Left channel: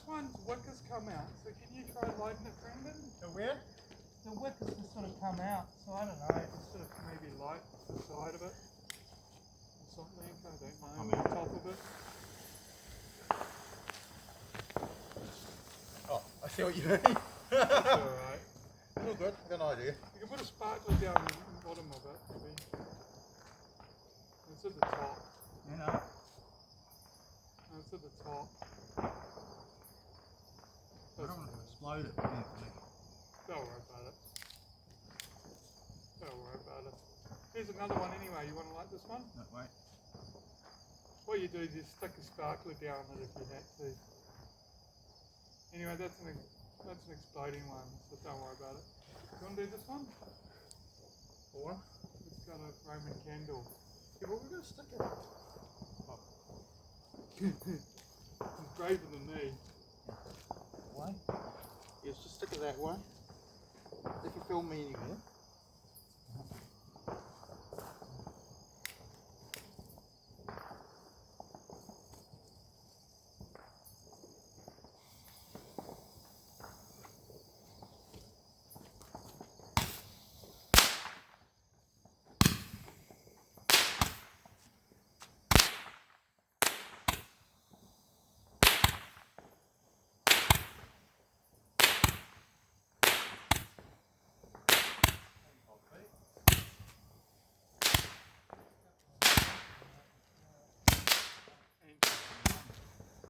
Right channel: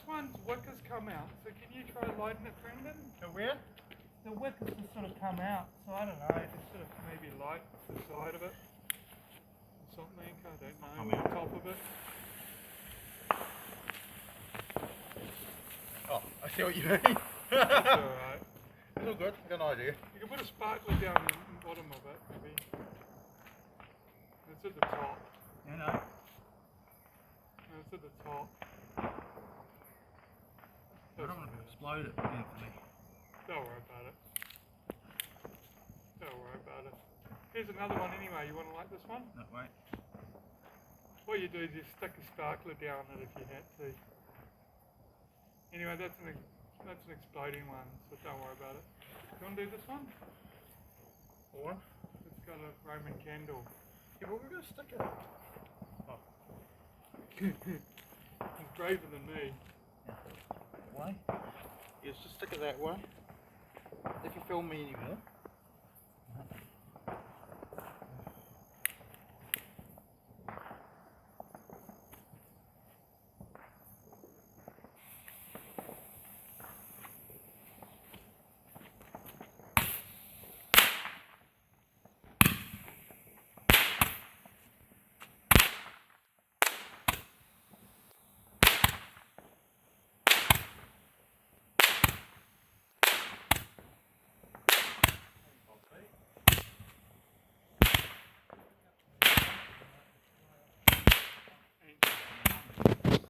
this one's wick has come out, so can you try lighting it, Brendan? So where? The wick has just sort of come out, so I don't know, just sort of maybe light the side of it. Or something, I don't know, Come on out. top of it. Oh, I see what you mean. That's alright. It's all good, I got an idea. You can put a sparkler down in the bottom of it, maybe. It's at the top. You know. No, it's at the top. I don't want to explode it, Anthony. Don't worry about it. Don't worry about it. Here's another one anyway. You want to light this one? No, wait. What you do is you stick a sparkler down it if you had to. Anyway, that's an exploding one, so don't worry about it. You want to do this one? Or? It's got a Roman candle. Yeah, but we're going to stick it. Oh. It's braver than me. That way? Yes, just stick it that way. If you film me anymore.